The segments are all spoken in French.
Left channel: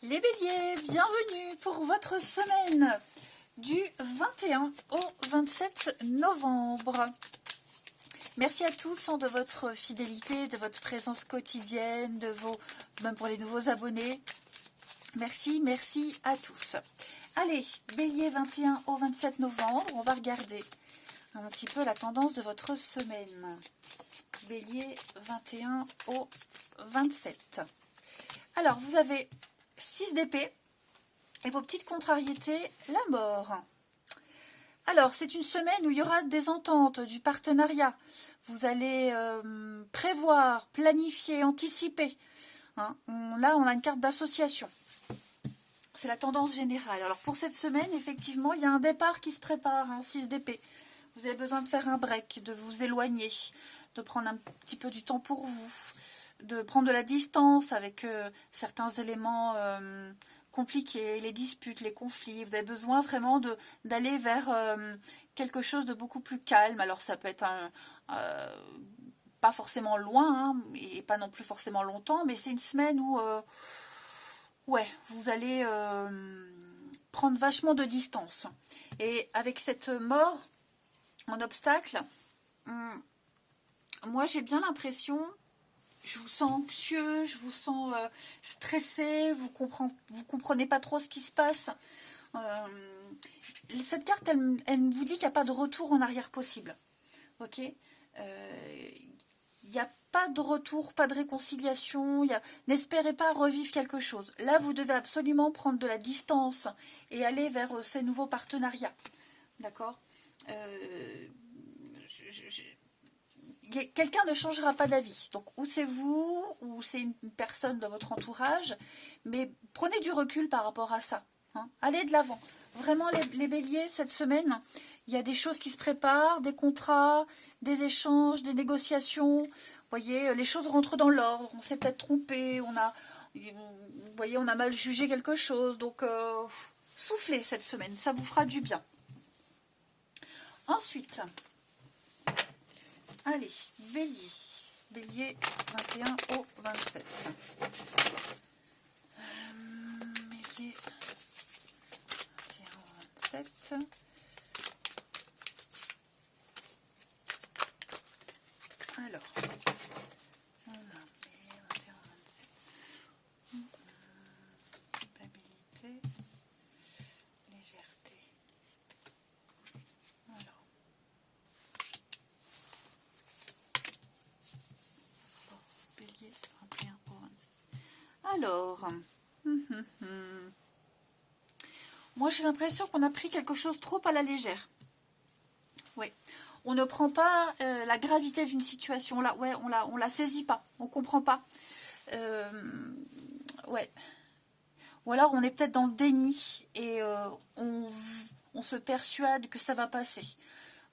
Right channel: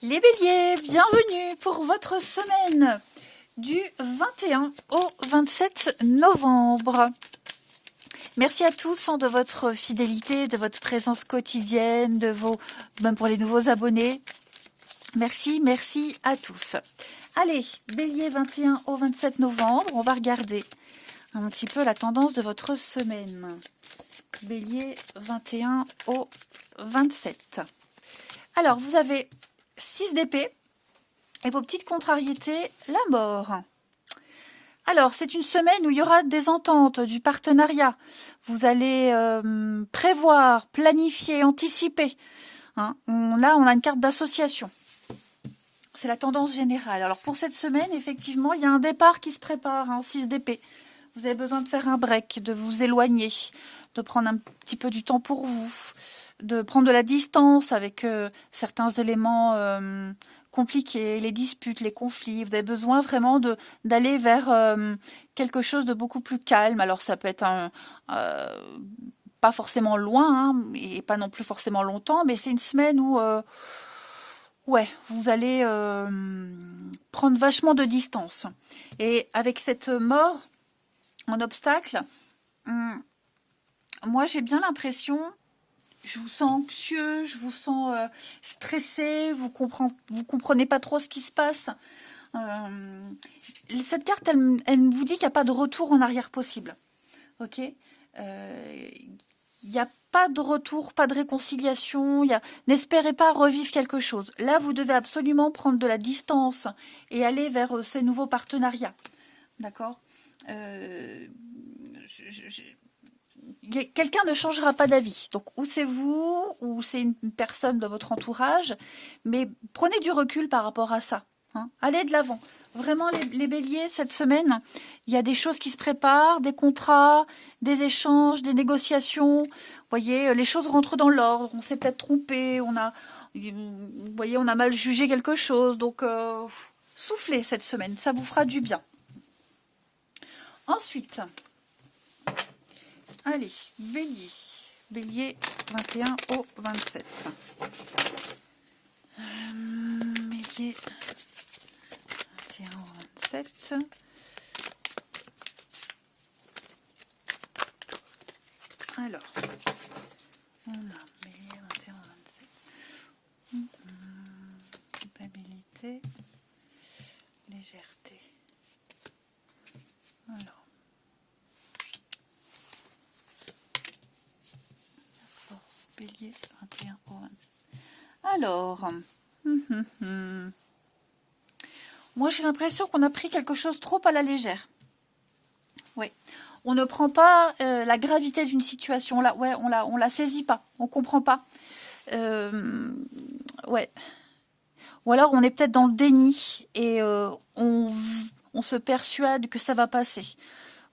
Les béliers, bienvenue pour votre semaine du 21 au 27 novembre. Merci à tous de votre fidélité, de votre présence quotidienne, même pour les nouveaux abonnés. Merci à tous. Allez, bélier 21 au 27 novembre, on va regarder un petit peu la tendance de votre semaine. Bélier 21 au 27. Alors, vous avez 6 d'épée et vos petites contrariétés, la mort. Alors, c'est une semaine où il y aura des ententes, du partenariat. Vous allez prévoir, planifier, anticiper. Hein. Là, on a une carte d'association. C'est la tendance générale. Alors, pour cette semaine, effectivement, il y a un départ qui se prépare, 6 d'épée. Vous avez besoin de faire un break, de vous éloigner, de prendre un petit peu du temps pour vous, de prendre de la distance avec certains éléments compliqués, les disputes, les conflits. Vous avez besoin vraiment d'aller vers quelque chose de beaucoup plus calme. Alors ça peut être pas forcément loin, et pas non plus forcément longtemps, mais c'est une semaine où vous allez prendre vachement de distance. Et avec cette mort en obstacle, moi j'ai bien l'impression, je vous sens anxieux, je vous sens stressé, vous comprenez pas trop ce qui se passe. Cette carte, elle vous dit qu'il n'y a pas de retour en arrière possible. Ok, il n'y a pas de retour, pas de réconciliation. N'espérez pas revivre quelque chose. Là, vous devez absolument prendre de la distance et aller vers ces nouveaux partenariats. D'accord, quelqu'un ne changera pas d'avis. Donc, ou c'est vous, ou c'est une personne de votre entourage, mais prenez du recul par rapport à ça. Allez de l'avant. Vraiment, les béliers, cette semaine, il y a des choses qui se préparent, des contrats, des échanges, des négociations. Vous voyez, les choses rentrent dans l'ordre. On s'est peut-être trompé, vous voyez, on a mal jugé quelque chose. Donc, soufflez cette semaine, ça vous fera du bien. Ensuite, allez, bélier. Bélier 21 au 27. Bélier 21 au 27. Alors, on a bélier 21 au 27. Culpabilité, légèreté. Alors. Bélier 21 au 27. Alors, moi j'ai l'impression qu'on a pris quelque chose trop à la légère. Oui, on ne prend pas la gravité d'une situation là. Ouais, on la saisit pas, on comprend pas. Ouais. Ou alors on est peut-être dans le déni et on se persuade que ça va passer.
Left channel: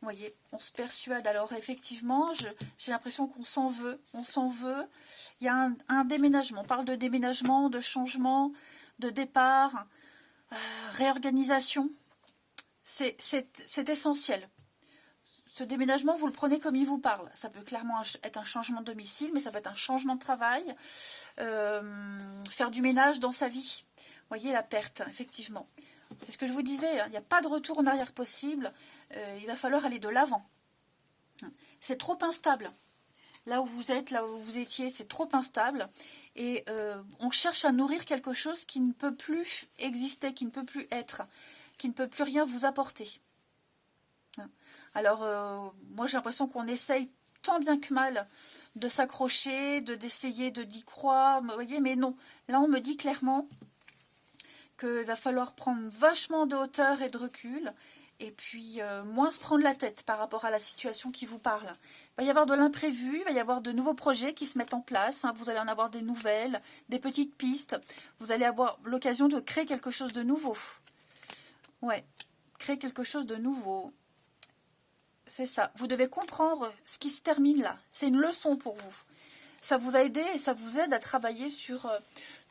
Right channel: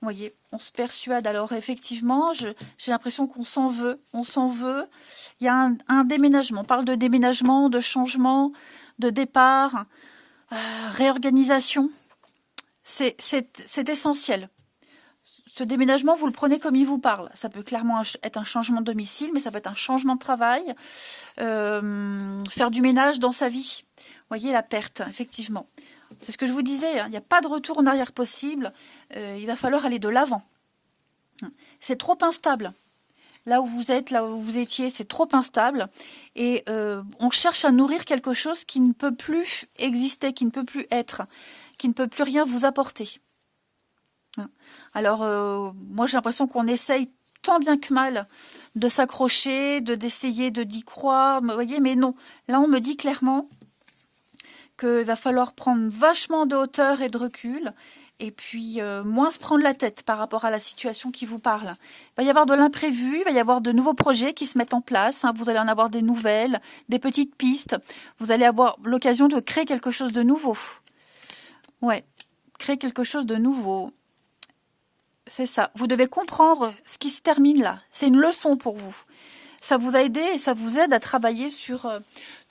Vous voyez, on se persuade. Alors effectivement, j'ai l'impression qu'on s'en veut. On s'en veut. Il y a un déménagement. On parle de déménagement, de changement, de départ, réorganisation. C'est essentiel. Ce déménagement, vous le prenez comme il vous parle. Ça peut clairement être un changement de domicile, mais ça peut être un changement de travail. Faire du ménage dans sa vie. Vous voyez la perte, effectivement. C'est ce que je vous disais, il n'y a pas de retour en arrière possible. Il va falloir aller de l'avant. C'est trop instable. Là où vous êtes, là où vous étiez, c'est trop instable. Et on cherche à nourrir quelque chose qui ne peut plus exister, qui ne peut plus être, qui ne peut plus rien vous apporter. Alors, moi j'ai l'impression qu'on essaye tant bien que mal de s'accrocher, d'essayer d'y croire. Vous voyez, mais non. Là, on me dit clairement qu'il va falloir prendre vachement de hauteur et de recul, et puis moins se prendre la tête par rapport à la situation qui vous parle. Il va y avoir de l'imprévu, il va y avoir de nouveaux projets qui se mettent en place, vous allez en avoir des nouvelles, des petites pistes, vous allez avoir l'occasion de créer quelque chose de nouveau. Ouais, créer quelque chose de nouveau. C'est ça, vous devez comprendre ce qui se termine là, c'est une leçon pour vous. Ça vous a aidé et ça vous aide à travailler sur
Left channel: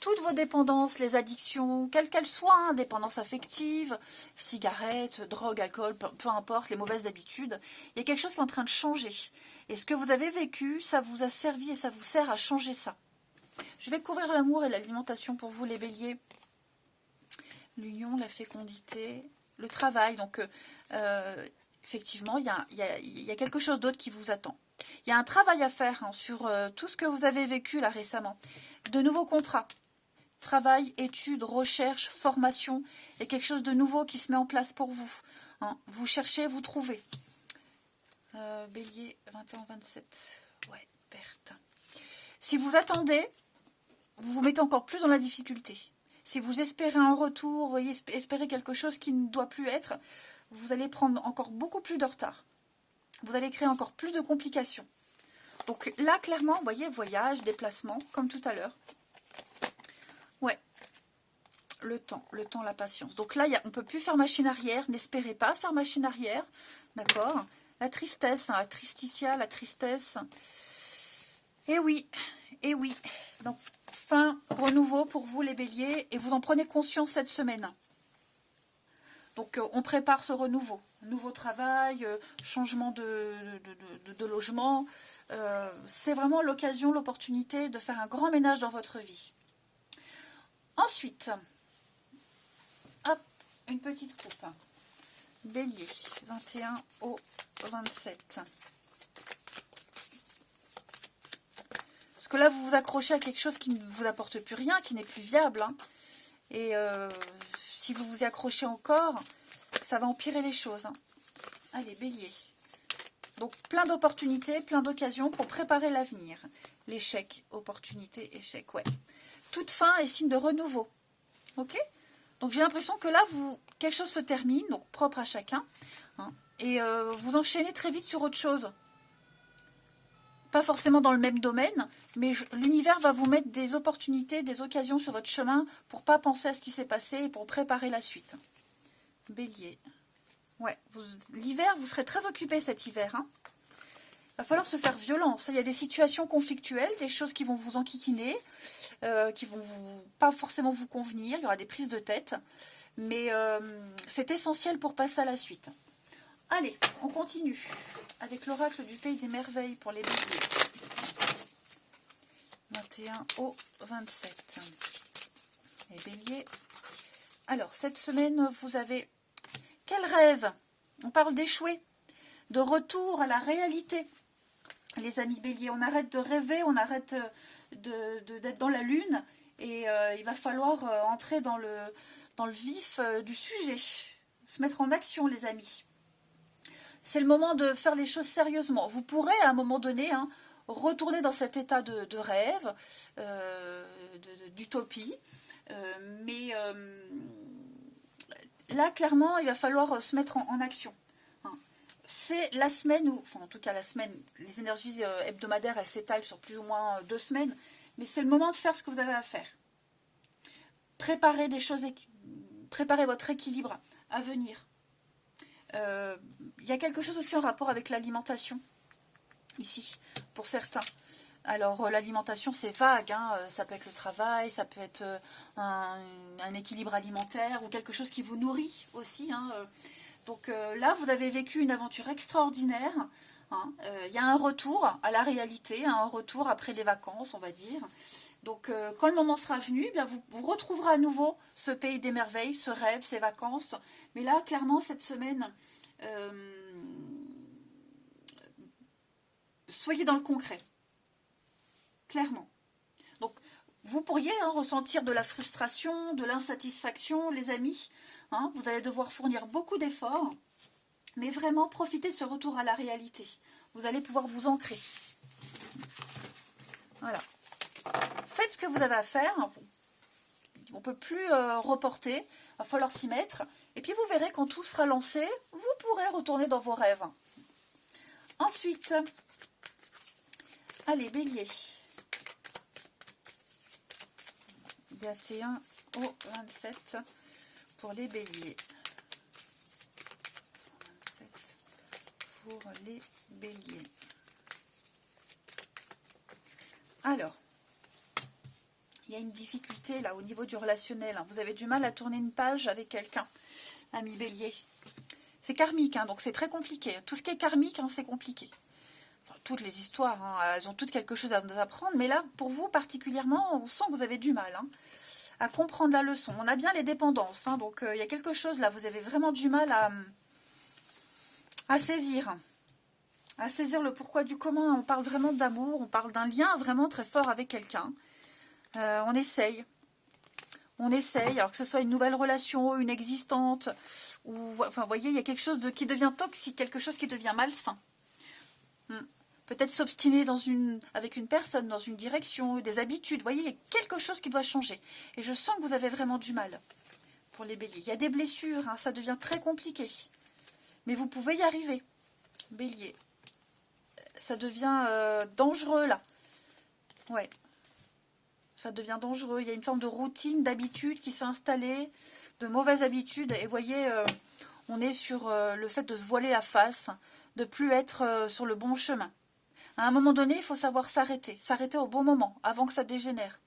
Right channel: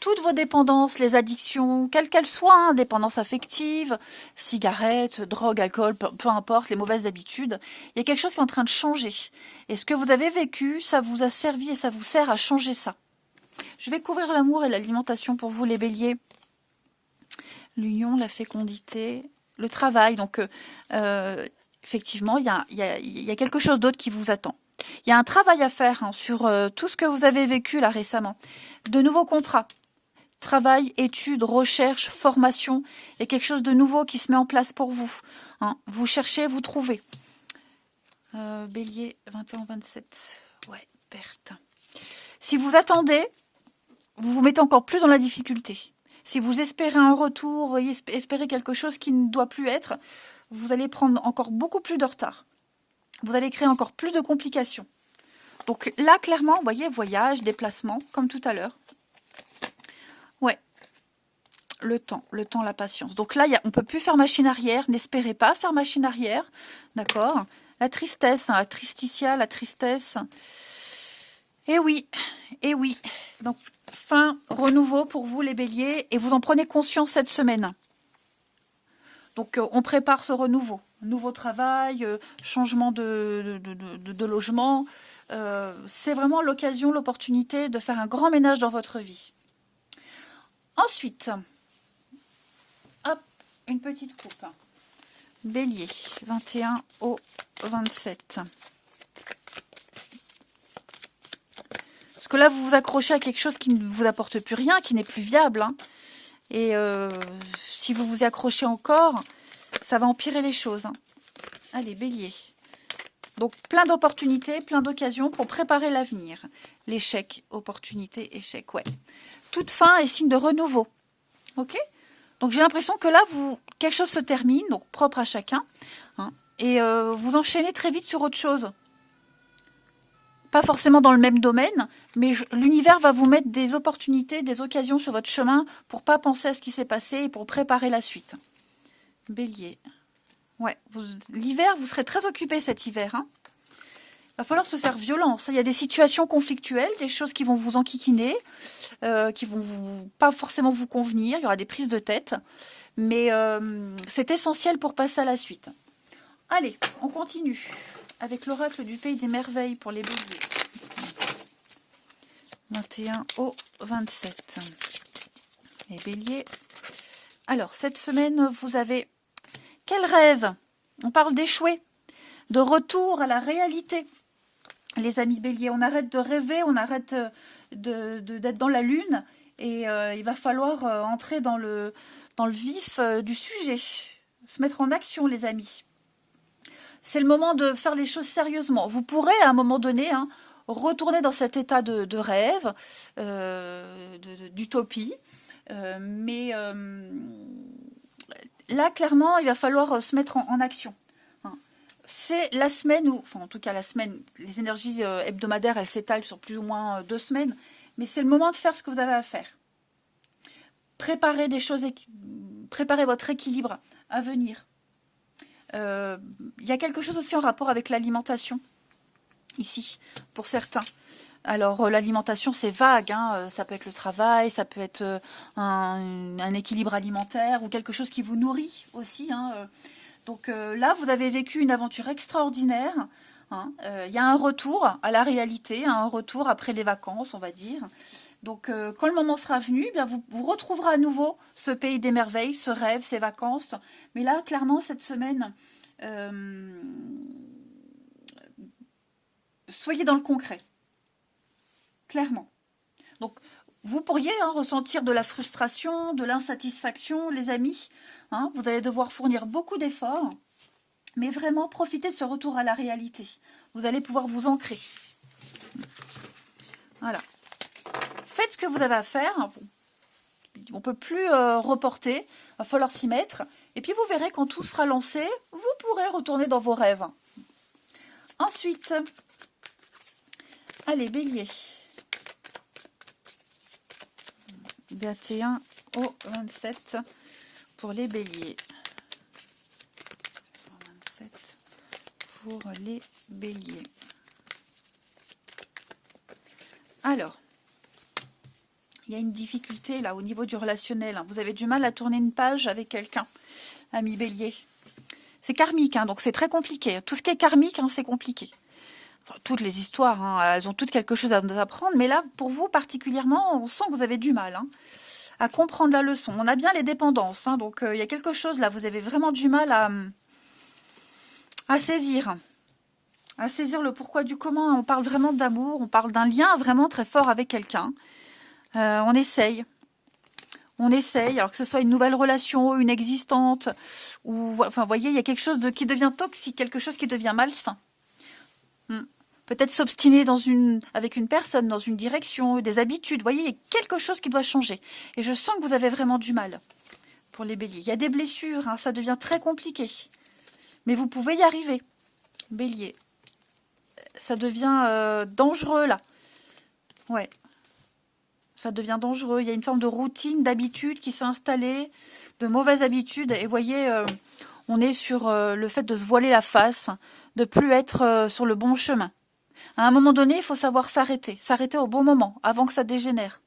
toutes vos dépendances, les addictions, quelles qu'elles soient, dépendance affective, cigarettes, drogue, alcool, peu importe, les mauvaises habitudes. Il y a quelque chose qui est en train de changer. Et ce que vous avez vécu, ça vous a servi et ça vous sert à changer ça. Je vais couvrir l'amour et l'alimentation pour vous, les béliers. L'union, la fécondité, le travail. Donc, effectivement, il y a quelque chose d'autre qui vous attend. Il y a un travail à faire hein, sur tout ce que vous avez vécu là récemment. De nouveaux contrats. Travail, études, recherche, formation. Il y a quelque chose de nouveau qui se met en place pour vous. Hein. Vous cherchez, vous trouvez. Bélier, 21-27. Ouais, perte. Si vous attendez, vous vous mettez encore plus dans la difficulté. Si vous espérez un retour, voyez, espérez quelque chose qui ne doit plus être, vous allez prendre encore beaucoup plus de retard. Vous allez créer encore plus de complications. Donc là, clairement, vous voyez, voyage, déplacement, comme tout à l'heure. Ouais. Le temps, la patience. Donc là, on ne peut plus faire machine arrière. N'espérez pas faire machine arrière. D'accord? La tristesse, hein, la tristitia, la tristesse. Eh oui, eh oui. Donc, fin, renouveau pour vous les béliers. Et vous en prenez conscience cette semaine. Donc, on prépare ce renouveau. Nouveau travail, changement de logement. C'est vraiment l'occasion, l'opportunité de faire un grand ménage dans votre vie. Ensuite, hop, une petite coupe. Bélier, 21 au 27. Parce que là, vous vous accrochez à quelque chose qui ne vous apporte plus rien, qui n'est plus viable. Hein. Et si vous vous y accrochez encore, ça va empirer les choses. Hein. Allez, Bélier. Donc, plein d'opportunités, plein d'occasions pour préparer l'avenir. L'échec, opportunité, échec, ouais. Toute fin est signe de renouveau. Ok? Donc, j'ai l'impression que là, quelque chose se termine, donc propre à chacun. Hein, et vous enchaînez très vite sur autre chose. Pas forcément dans le même domaine, mais l'univers va vous mettre des opportunités, des occasions sur votre chemin pour pas penser à ce qui s'est passé et pour préparer la suite. Bélier. Ouais, l'hiver, vous serez très occupé cet hiver. Hein. Il va falloir se faire violence. Il y a des situations conflictuelles, des choses qui vont vous enquiquiner, qui vont pas forcément vous convenir. Il y aura des prises de tête, mais c'est essentiel pour passer à la suite. Allez, on continue avec l'oracle du pays des merveilles pour les béliers. 21 au 27. Les béliers. Alors, cette semaine, vous avez... Quel rêve? On parle d'échouer, de retour à la réalité. Les amis béliers, on arrête de rêver, on arrête d'être dans la lune et il va falloir entrer dans le vif du sujet, se mettre en action les amis. C'est le moment de faire les choses sérieusement. Vous pourrez à un moment donné retourner dans cet état de rêve, d'utopie, mais là clairement il va falloir se mettre en action. C'est la semaine où, enfin en tout cas la semaine, les énergies hebdomadaires, elles s'étalent sur plus ou moins 2 semaines, mais c'est le moment de faire ce que vous avez à faire. Préparez des choses, préparez votre équilibre à venir. Il y a quelque chose aussi en rapport avec l'alimentation, ici, pour certains. Alors l'alimentation c'est vague, hein, ça peut être le travail, ça peut être un équilibre alimentaire ou quelque chose qui vous nourrit aussi, hein, donc là, vous avez vécu une aventure extraordinaire. Hein. Y a un retour à la réalité, un retour après les vacances, on va dire. Donc quand le moment sera venu, bien, vous retrouverez à nouveau ce pays des merveilles, ce rêve, ces vacances. Mais là, clairement, cette semaine, soyez dans le concret. Clairement. Donc, vous pourriez ressentir de la frustration, de l'insatisfaction, les amis. Hein, vous allez devoir fournir beaucoup d'efforts, mais vraiment profitez de ce retour à la réalité. Vous allez pouvoir vous ancrer. Voilà. Faites ce que vous avez à faire. On ne peut plus reporter. Il va falloir s'y mettre. Et puis vous verrez, quand tout sera lancé, vous pourrez retourner dans vos rêves. Ensuite, allez, bélier. 21 au 27 pour les béliers. 27 pour les béliers. Alors, il y a une difficulté là au niveau du relationnel. Vous avez du mal à tourner une page avec quelqu'un, ami bélier. C'est karmique, hein, donc c'est très compliqué. Tout ce qui est karmique, hein, c'est compliqué. Enfin, toutes les histoires, hein, elles ont toutes quelque chose à nous apprendre, mais là, pour vous particulièrement, on sent que vous avez du mal à comprendre la leçon. On a bien les dépendances, hein, donc il y a quelque chose là, vous avez vraiment du mal à saisir. À saisir le pourquoi du comment. On parle vraiment d'amour, on parle d'un lien vraiment très fort avec quelqu'un. On essaye. On essaye, alors que ce soit une nouvelle relation, une existante, ou enfin, vous voyez, il y a quelque chose qui devient toxique, quelque chose qui devient malsain. Peut-être s'obstiner avec une personne, dans une direction, des habitudes. Vous voyez, il y a quelque chose qui doit changer. Et je sens que vous avez vraiment du mal pour les béliers. Il y a des blessures, hein, ça devient très compliqué. Mais vous pouvez y arriver, bélier. Ça devient dangereux, là. Ouais. Ça devient dangereux. Il y a une forme de routine, d'habitude qui s'est installée, de mauvaises habitudes. Et vous voyez, on est sur le fait de se voiler la face, de plus être sur le bon chemin. À un moment donné, il faut savoir s'arrêter. S'arrêter au bon moment, avant que ça dégénère.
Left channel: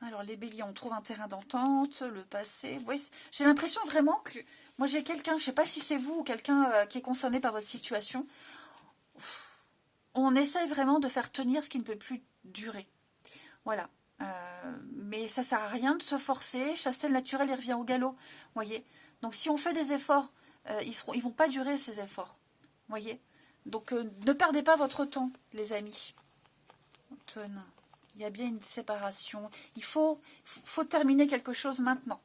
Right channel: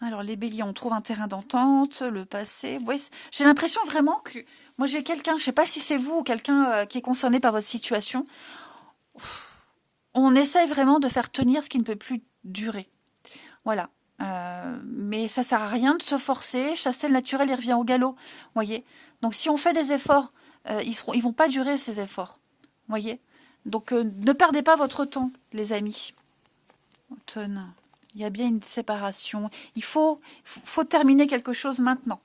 Alors, les béliers, on trouve un terrain d'entente, le passé. Vous voyez, j'ai l'impression vraiment que... Moi, j'ai quelqu'un, je ne sais pas si c'est vous ou quelqu'un qui est concerné par votre situation. On essaye vraiment de faire tenir ce qui ne peut plus durer. Voilà. Mais ça ne sert à rien de se forcer. Chasser le naturel, il revient au galop. Voyez. Donc, si on fait des efforts, ils vont pas durer, ces efforts. Voyez. Donc, ne perdez pas votre temps, les amis. Automne. Il y a bien une séparation. Il faut terminer quelque chose maintenant.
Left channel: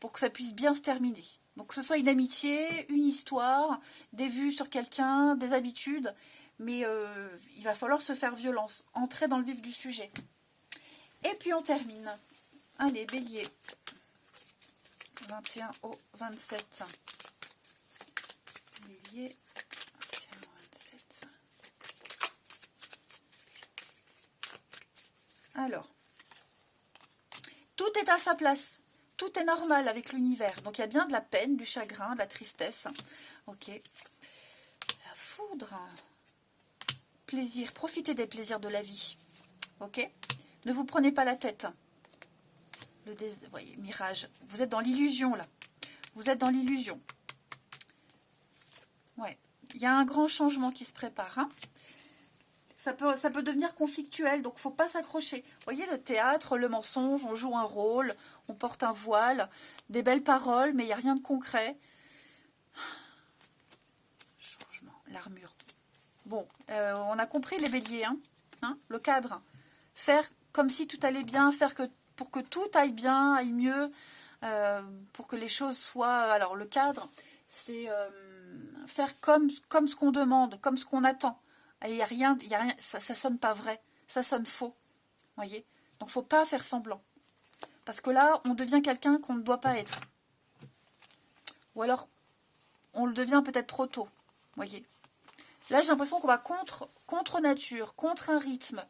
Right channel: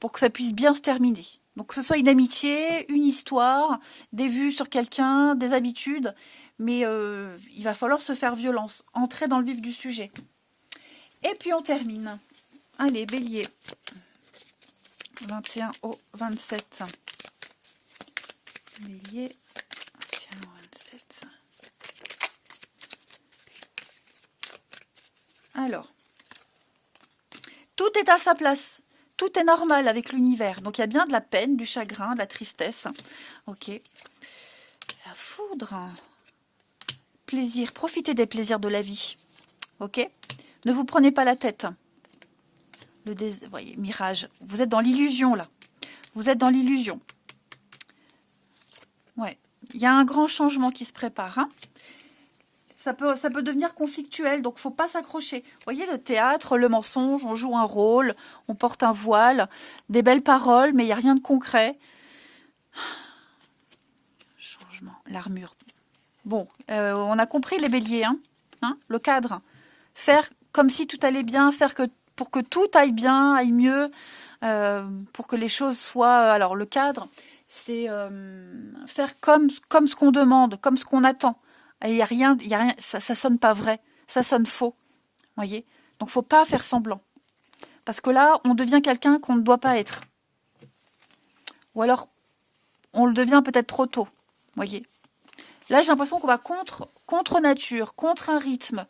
Pour que ça puisse bien se terminer. Donc, que ce soit une amitié, une histoire, des vues sur quelqu'un, des habitudes. Mais il va falloir se faire violence. Entrer dans le vif du sujet. Et puis, on termine. Allez, bélier. 21 au 27. Bélier. 21 au 27. Alors. Tout est à sa place. Tout est normal avec l'univers. Donc, il y a bien de la peine, du chagrin, de la tristesse. Ok. La foudre. Plaisir. Profitez des plaisirs de la vie. Ok. Ne vous prenez pas la tête. Voyez, mirage. Vous êtes dans l'illusion, là. Vous êtes dans l'illusion. Ouais. Il y a un grand changement qui se prépare. Hein. Ça peut devenir conflictuel, donc il ne faut pas s'accrocher. Vous voyez, le théâtre, le mensonge, on joue un rôle, on porte un voile, des belles paroles, mais il n'y a rien de concret. Changement. L'armure. Bon, on a compris les béliers, hein, le cadre. Faire comme si tout allait bien, pour que tout aille bien, aille mieux, pour que les choses soient... Alors, le cadre, c'est faire comme ce qu'on demande, comme ce qu'on attend. Et il y a rien, ça sonne pas vrai, ça sonne faux, voyez. Donc, faut pas faire semblant. Parce que là, on devient quelqu'un qu'on ne doit pas être. Ou alors, on le devient peut-être trop tôt, voyez. Là, j'ai l'impression qu'on va contre nature, contre un rythme.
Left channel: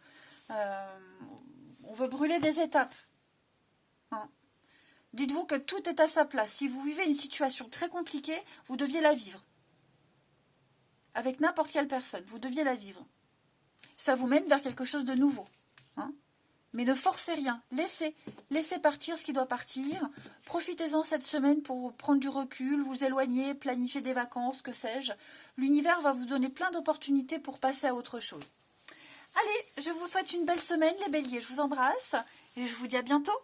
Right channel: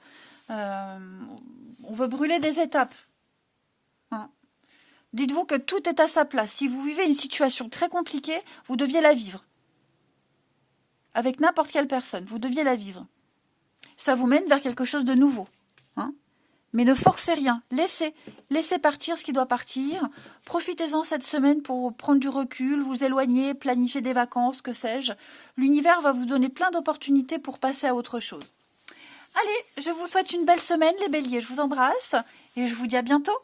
On veut brûler des étapes. Hein. Dites-vous que tout est à sa place. Si vous vivez une situation très compliquée, vous deviez la vivre. Avec n'importe quelle personne, vous deviez la vivre. Ça vous mène vers quelque chose de nouveau. Hein. Mais ne forcez rien. Laissez partir ce qui doit partir. Profitez-en cette semaine pour prendre du recul, vous éloigner, planifier des vacances, que sais-je. L'univers va vous donner plein d'opportunités pour passer à autre chose. Allez, je vous souhaite une belle semaine, les béliers. Je vous embrasse et je vous dis à bientôt.